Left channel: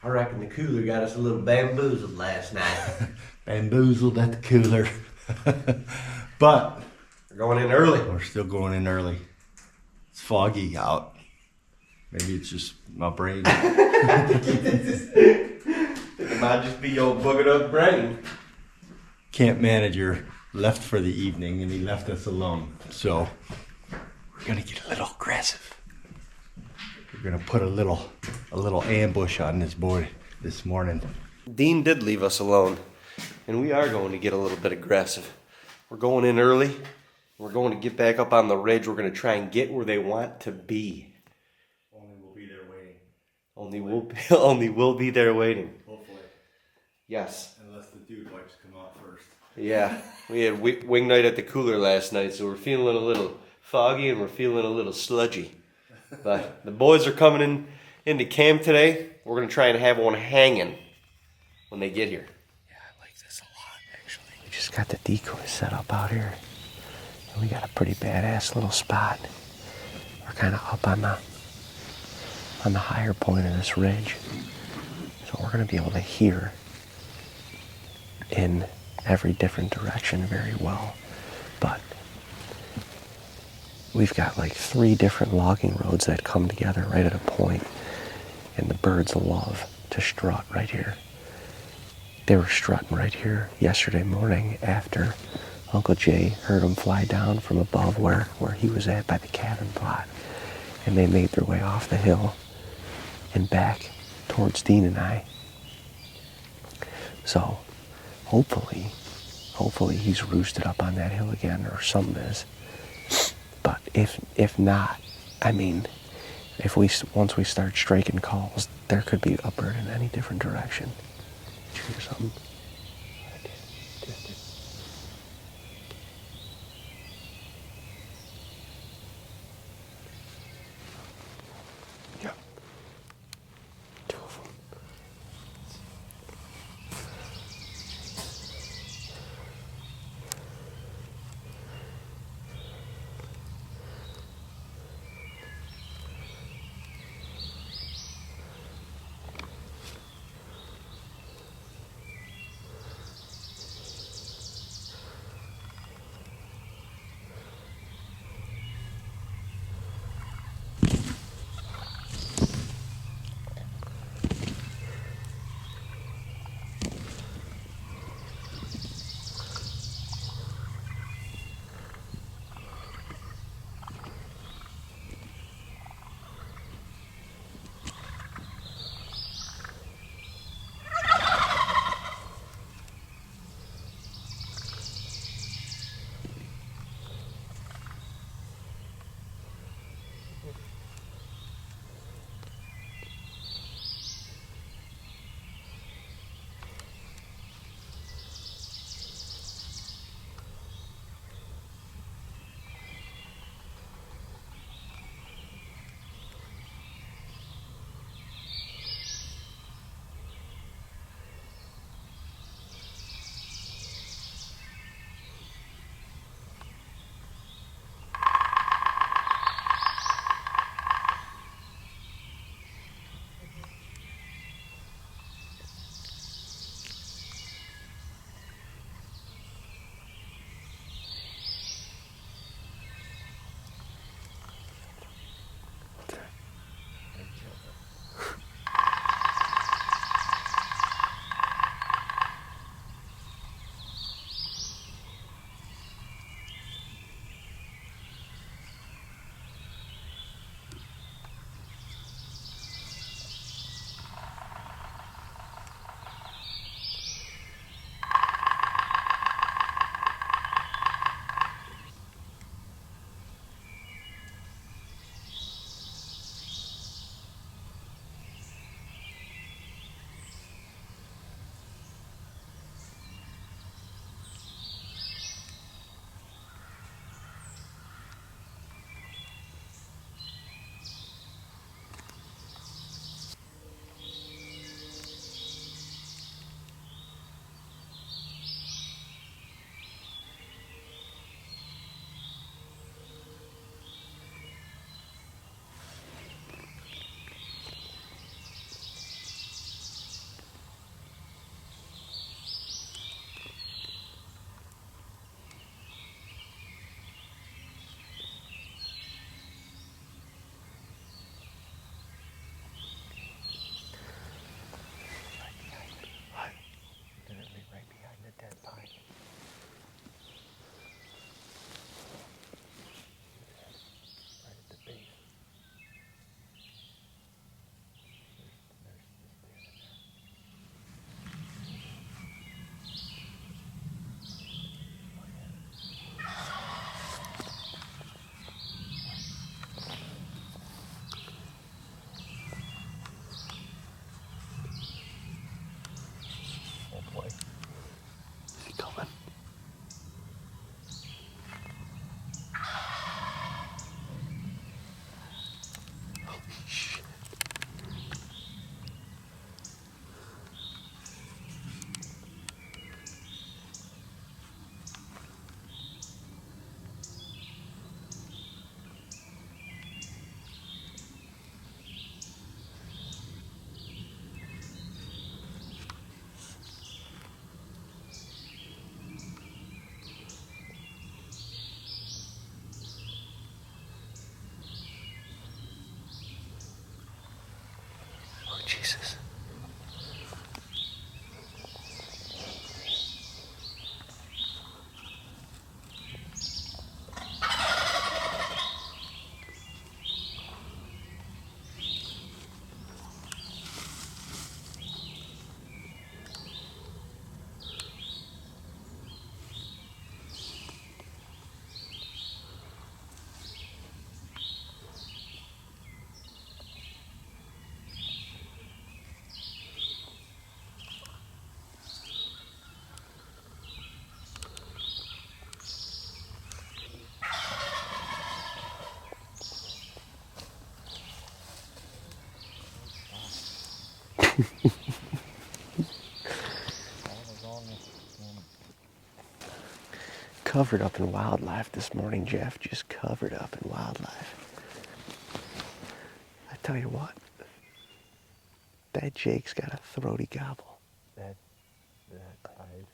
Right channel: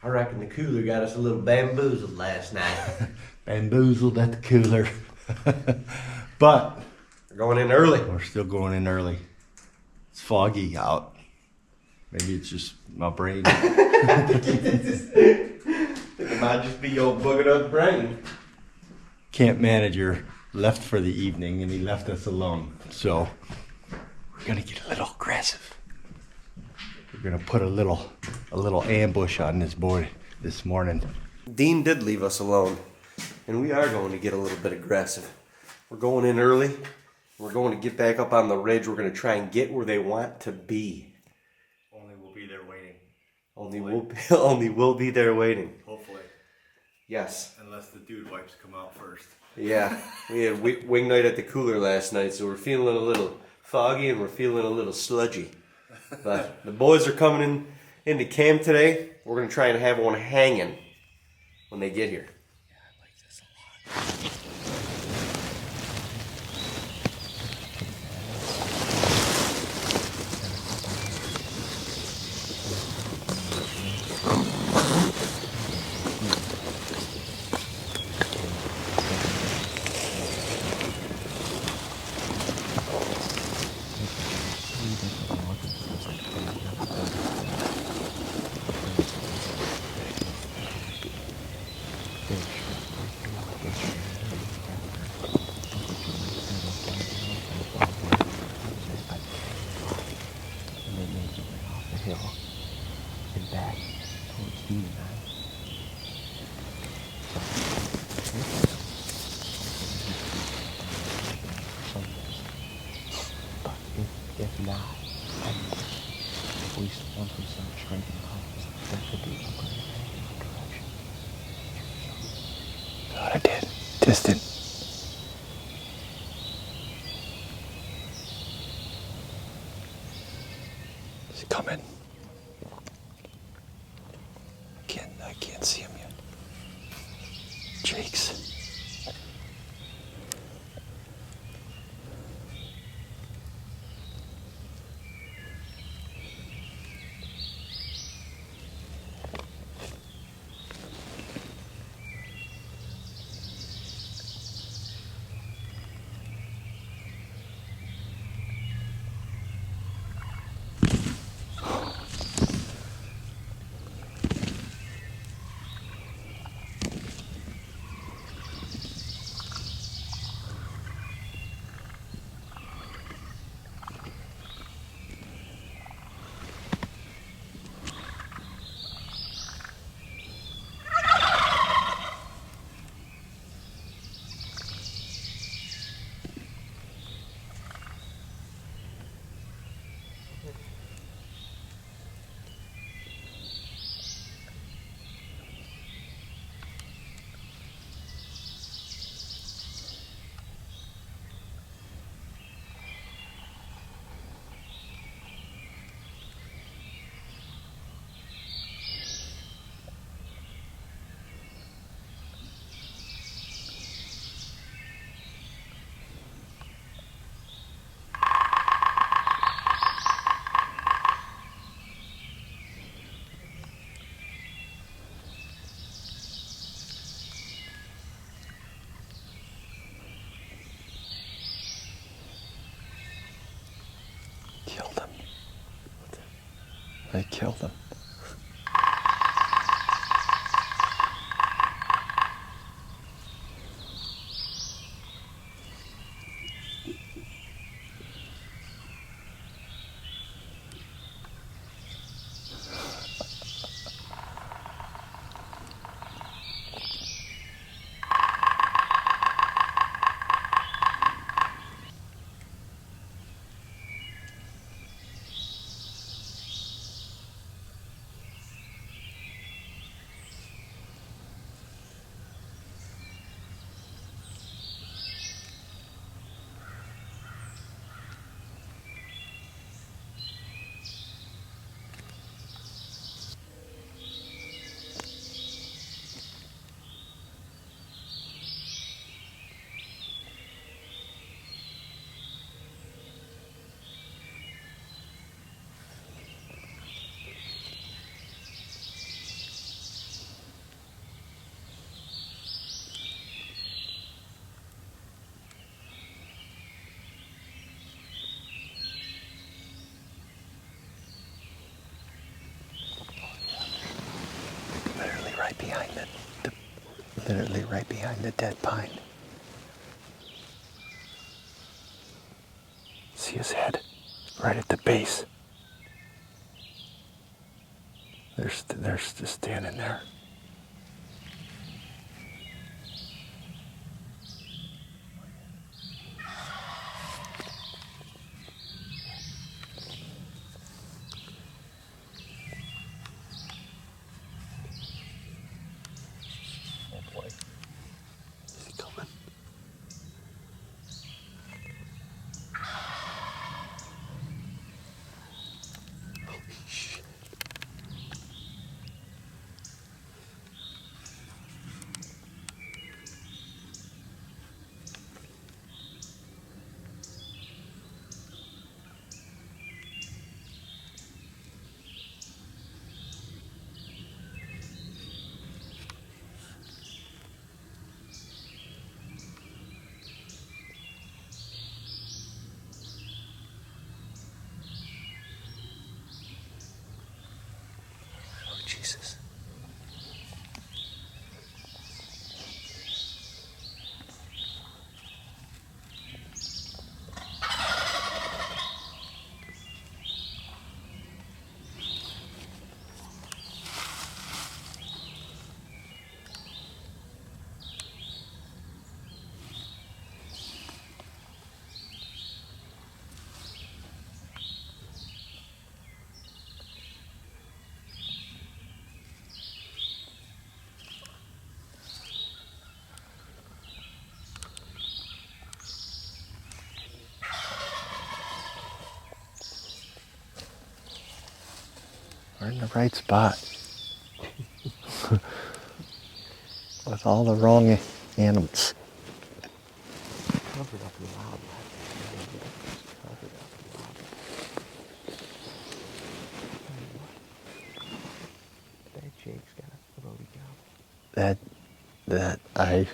I reckon the cooler got us a little bamboozled last night. Bamboozled at the cooler. But We're going in early. we're still going in early. It's foggy out. Maybe it's just my brain. It might just be your boogered up brain. Camp manager left for the evening and he left us alone. So we're gonna get a little aggressive. We're gonna put a little ambush on this board this morning. Dean did leave us alone, and we are going to get a little bit aggressive. We're going in early. We're going to get back up on the ridge. We're going to try and get where they want to be. Only we'll be there waiting. Only we'll be there waiting. Hopefully. Yes. Unless the dude wipes come out first. Yeah. We had wing night at the cooler last night, so we're feeling a little foggy and we're feeling a little sludgy. But the boys are coming into camp today. We're going to try and have one hanging when they get here. Yeah, I like this a lot. We just got the decoy set up out here. We got a pretty badass little spot. We're kind of up on the higher point of this ridge. So we're going to be able to hear in every different direction very well. But we've got like 3 different logging roads that come together right at a point, and the birds love to strut right here. They were strutting right here yesterday morning after Uncle Jay heard them fly down from above where he was at by the cabin plot, and they made their way off the hill and back towards Dean and I. So hopefully he's roosted up on that hill again, or something is. But if not, I mean, once we start striking calls, there could be a bird in any different direction. Did you hear something? God, I did. Distant. Is he coming? Yeah. 2 of them. I can't see him yet. Jakes. I killed them. literally right behind the dead pine. See his head right at the base. They're just standing there. Oh boy. Is he coming? Holy shit. Oh, Jesus. We're in the right spot. With all the wrong animals. Covered up in wildlife this morning, Jeff. Just covered up in wildlife. I tell you what, that Jake's got a throaty gobble. That I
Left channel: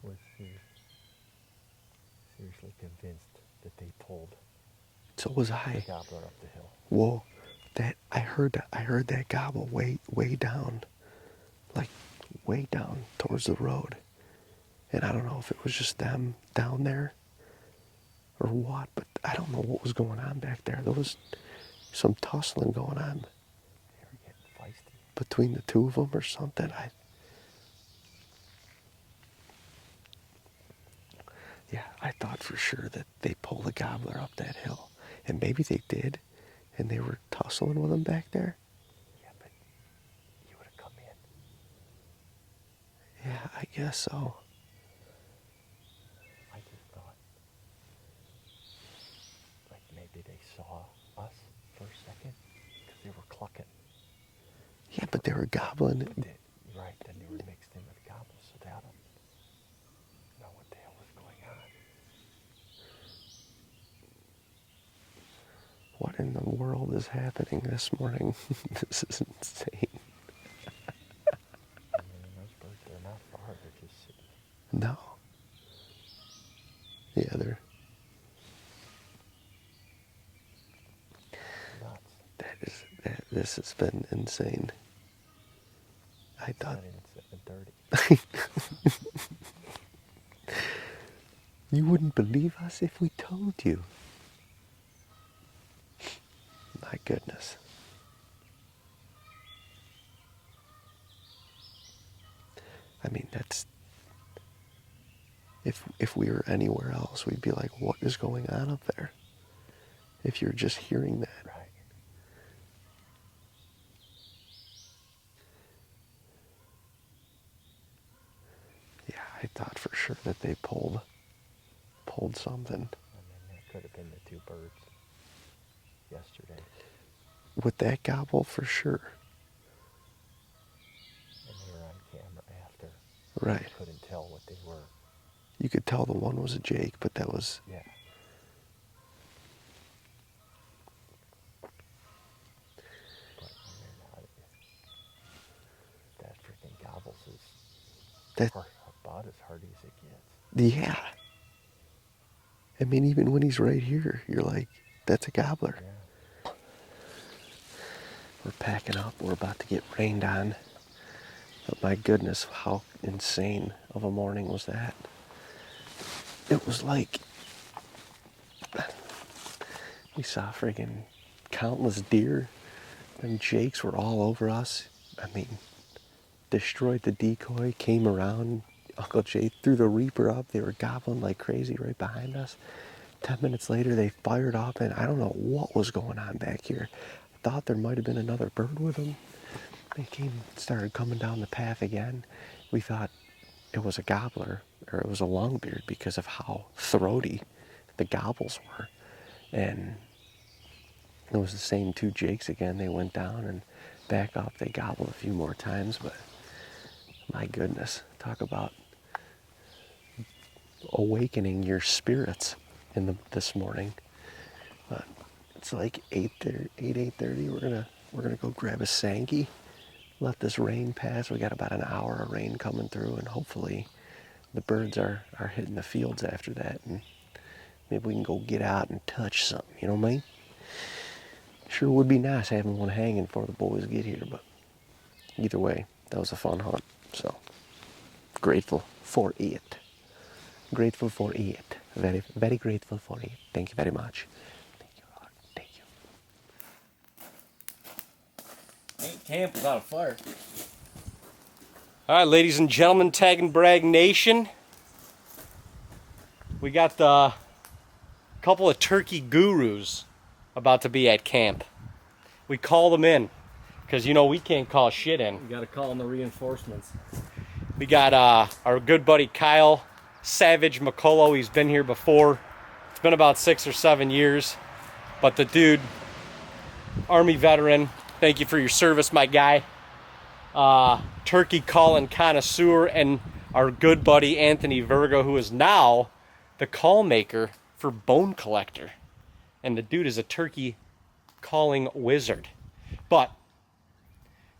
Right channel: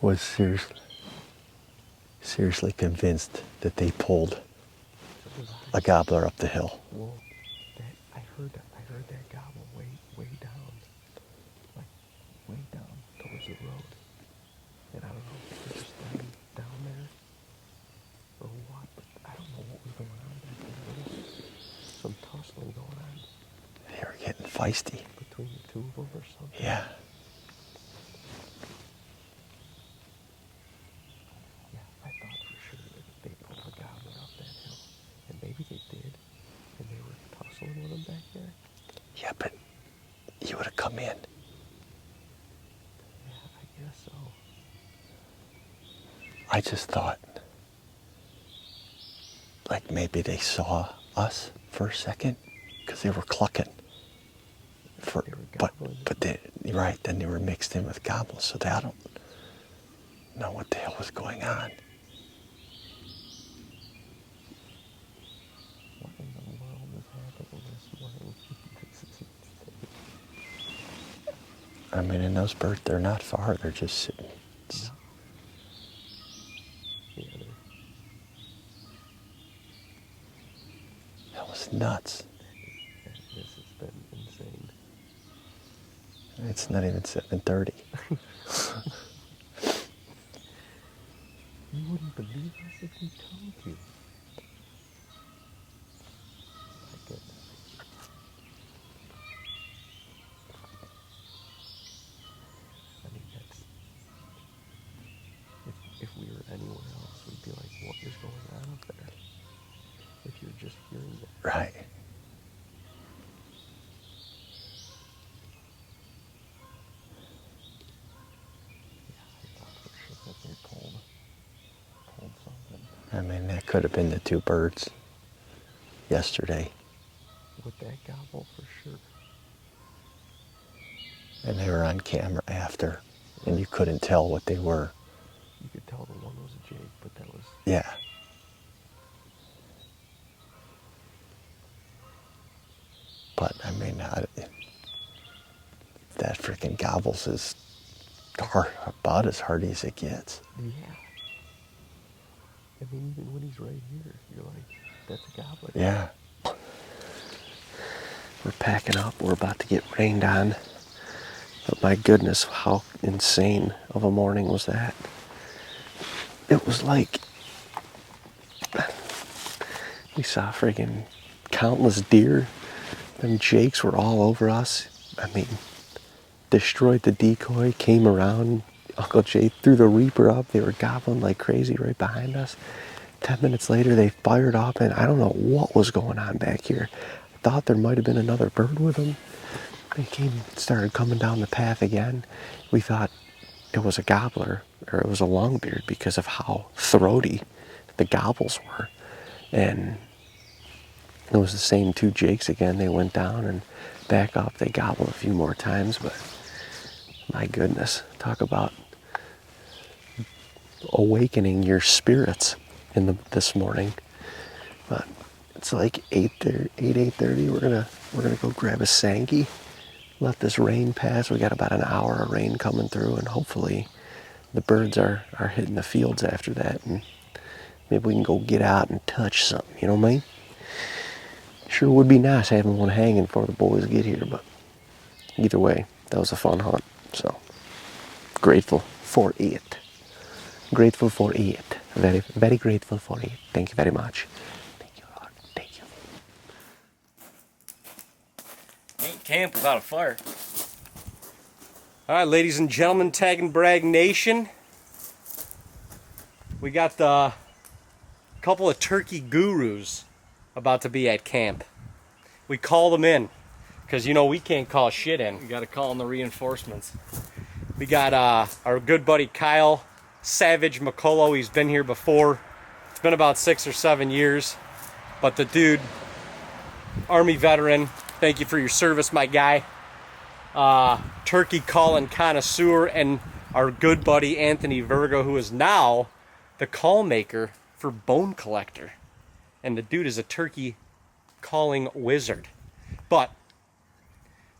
was seriously convinced that they pulled So was I. a gobbler up the hill. Whoa, I heard that gobble way down, like way down towards the road, and I don't know if it was just them down there or what, but I don't know what was going on back there. There was some tussling going on They were getting feisty. between the two of them or something. Yeah. Yeah, I thought for sure that they pulled the gobbler up that hill, and maybe they did, and they were tussling with him back there. Yeah, but you would have come in. Yeah, I guess so. I just thought, like maybe they saw us for a second, because they were clucking. Yeah, but they were gobbling. But you're right, then they were mixed in with gobbles, so I don't know what the hell was going on. What in the world is happening this morning? This is insane. I mean, and those birds, they're not far, they're just sitting. No. Yeah, they're. That was nuts. This has been insane. It's not even 7:30. You wouldn't believe us if we told you. My goodness. I mean, that's. If we were anywhere else, we'd be like, what is going on up there? If you're just hearing that. Right. Yeah, I thought for sure that they pulled something. I mean, that could have been the two birds yesterday. With that gobble, for sure. And they were on camera after. Right. And you couldn't tell what they were. You could tell the one was a Jake, but that was. Yeah. But, I mean, that freaking gobbles is about as hardy as it gets. Yeah. I mean, even when he's right here, you're like, that's a gobbler. Yeah. We're packing up. We're about to get rained on. But my goodness, how insane of a morning was that? It was like we saw friggin' countless deer. Them jakes were all over us. I mean, destroyed the decoy, came around. Uncle Jay threw the reaper up. They were gobbling like crazy right behind us. 10 minutes later, they fired up, and I don't know what was going on back here. I thought there might have been another bird with them. They started coming down the path again. We thought it was a gobbler, or it was a longbeard, because of how throaty the gobbles were. And it was the same 2 jakes again. They went down and back up. They gobbled a few more times, but my goodness, talk about awakening your spirits this morning. But it's like 8:30. We're gonna go grab a Sankey, let this rain pass. We got about an hour of rain coming through, and hopefully the birds are hitting the fields after that, and maybe we can go get out and touch something, you know what I mean? Sure would be nice having one hanging before the boys get here, but either way, that was a fun hunt. So grateful for it. Grateful for it. Very, very grateful for it. Thank you very much. Thank you, Lord. Thank you. Ain't camp without a fire. All right, ladies and gentlemen, TAGNBRAG Nation. We got the couple of turkey gurus about to be at camp. We call them in because, you know, we can't call shit in. You gotta call in the reinforcements. We got our good buddy Kyle Savage McCullough. He's been here before. It's been about 6 or 7 years. But the dude, Army veteran, thank you for your service, my guy. Turkey calling connoisseur, and our good buddy Anthony Virgo, who is now the call maker for Bone Collector. And the dude is a turkey calling wizard. But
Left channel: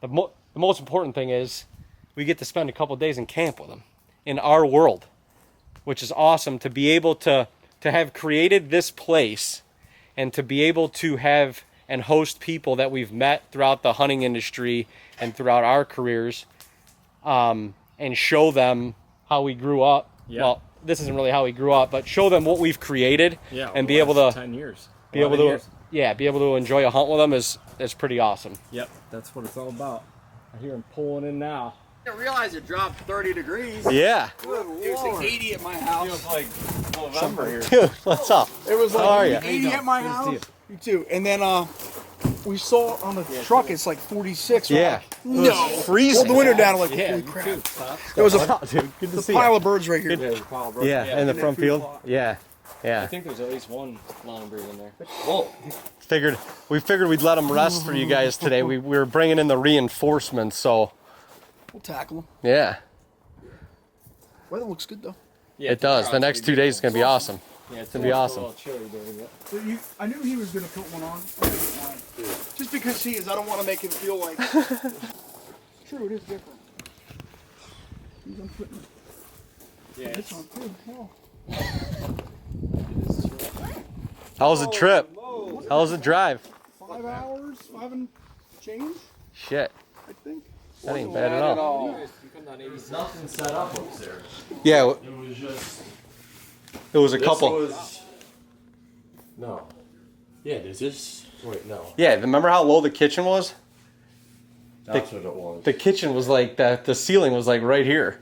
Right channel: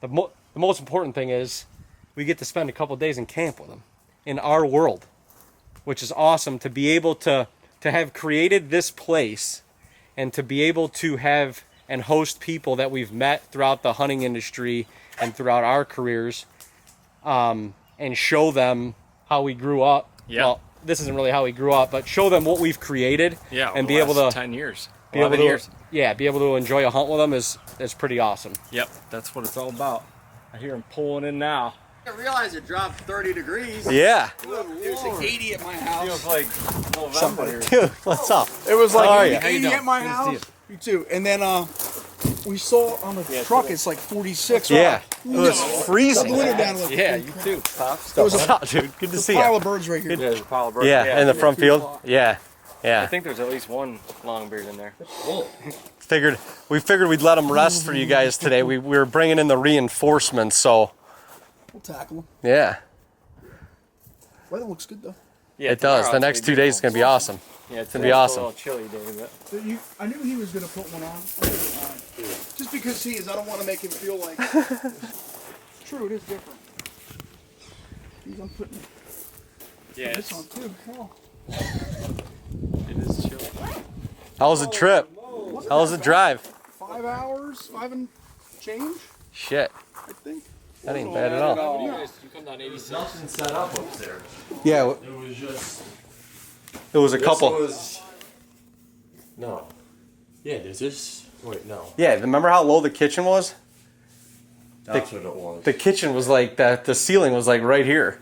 the most important thing is we get to spend a couple days in camp with him in our world, which is awesome to be able to have created this place and to be able to have and host people that we've met throughout the hunting industry and throughout our careers, and show them how we grew up. Yeah. Well, this isn't really how we grew up, but show them what we've created. Yeah, and be able to 10 years. be able to years. be able to enjoy a hunt with them is pretty awesome. Yep, that's what it's all about. I hear him pulling in now. I didn't realize it dropped 30 degrees. Yeah. Good Lord. It was like 80 at my house. Feels like November here. Dude, what's up? It was How are like ya? 80 at my house. You too. And then we saw on the truck it's like 46. Yeah. Right? It was Pulled freezing. the window down like Yeah, holy you crap. too. There was What's a up, dude? Good to see pile you. of birds right here. There's a pile of birds. Yeah, in the front food field. plot. Yeah. I Yeah. think there's at least one longbeard in there. We figured we'd let them rest for you guys today. We were bringing in the reinforcements, so We'll tackle them. yeah. Weather looks good though. Yeah, It does. tomorrow The it's next gonna 2 days is gonna be awesome. Yeah, it's gonna be awesome. A little chilly day, but So I knew he was going to put one on. Just because he is, I don't want to make him feel like. True, it is different. He's on putting yeah, this on too. Hell. it is chilly. How was the trip? How was the drive? 5 hours, 5 and change, Shit. I think. That ain't bad at all. You come down 86. Nothing set up upstairs. Yeah, It was just. it was a This couple. was. No. Yeah, there's this. Wait, no. Yeah, remember how low the kitchen was? That's what it was. The kitchen was like that. The ceiling was like right here,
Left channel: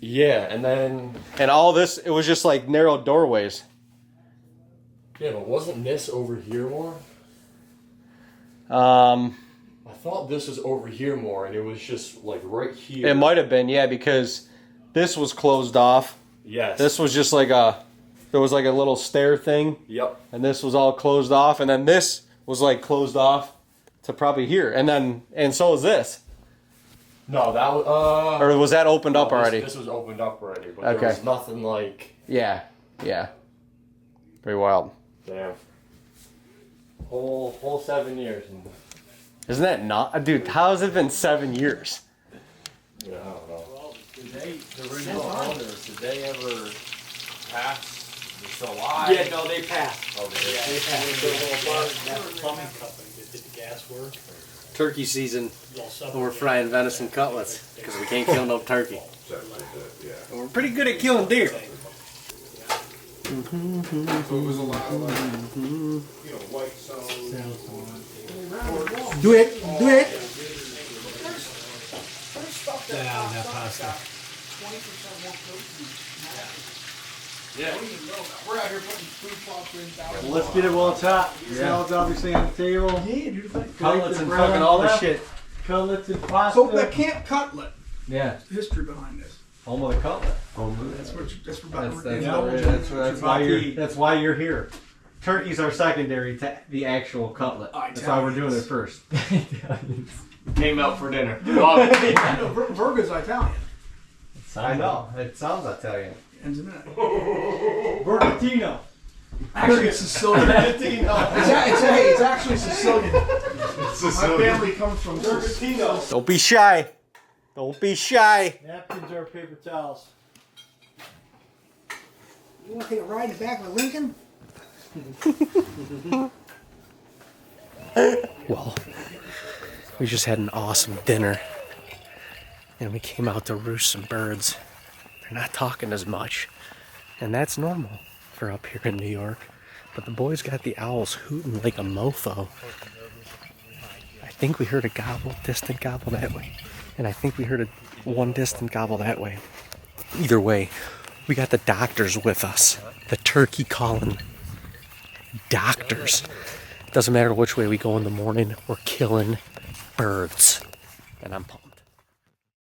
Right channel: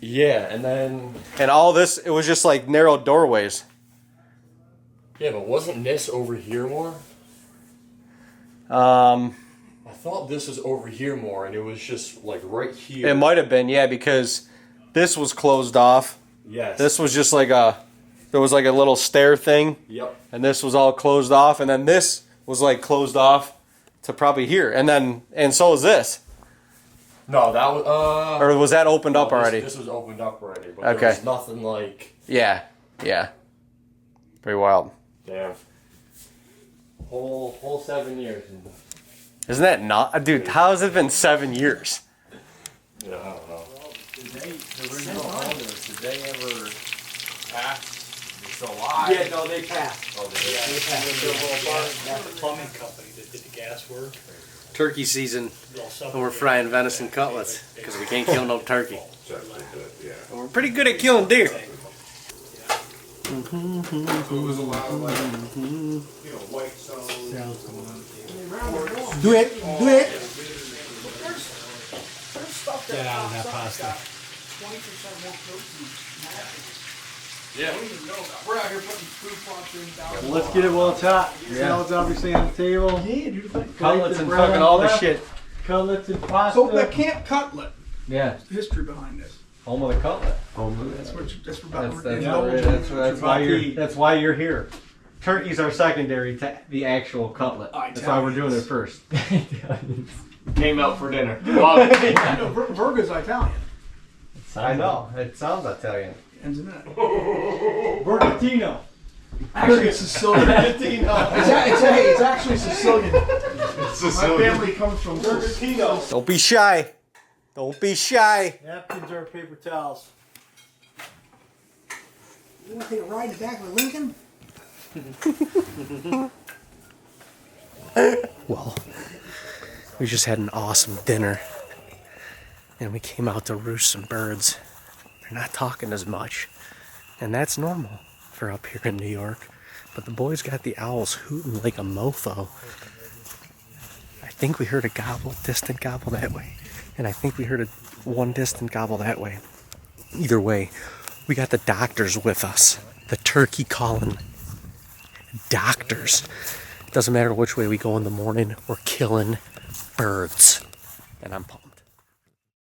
Yeah, and then. and all this, it was just like narrow doorways. Yeah, but wasn't this over here more? I thought this was over here more, and it was just like right here. It might have been, yeah, because this was closed off. Yes. This was just like there was like a little stair thing, Yep. and this was all closed off, and then this was like closed off to probably here, and so is this. No, that was. Or was that opened up no, already? This was opened up already, but Okay. there was nothing like. Yeah, yeah. Pretty wild. Damn. Whole 7 years. Isn't that not, dude? How has it been 7 years? Yeah, I don't know. Did the original owners, did they ever pass? They're still alive? Yeah, no, they passed. Oh, they passed. That plumbing company that did the gas work. turkey season, and we're frying venison cutlets because we can't kill no turkey. And we're pretty good at killing deer. Do it. Do it. Yeah, that pasta. 20% more protein. We're out here putting food plots in. Let's get it while it's hot. Salad's obviously on the table. Yeah, dude. Like, Cutlets and fucking all the shit. Cutlets and pasta. so the Camp Cutlet. Yeah. History behind this. Home of the cutlet. That's what we're about to That's why you're here. Turkeys are secondary to the actual cutlet. That's why we're doing it first. Came out for dinner. I know Virgo's Italian. I know. It sounds Italian. Ends in that. Bergatino. Actually, it's Sicilian. It's actually Sicilian. My family comes from Bergatino. Don't be shy. Don't be shy. Napkins or paper towels. You want to take a ride in the back of a Lincoln? Well, we just had an awesome dinner, and we came out to roost some birds. They're not talking as much, and that's normal for up here in New York. But the boys got the owls hooting like a mofo. I think we heard a gobble, distant gobble that way, and I think we heard one distant gobble that way. Either way, we got the doctors with us. The turkey calling doctors. Doesn't matter which way we go in the morning, we're killing birds. And I'm pumped.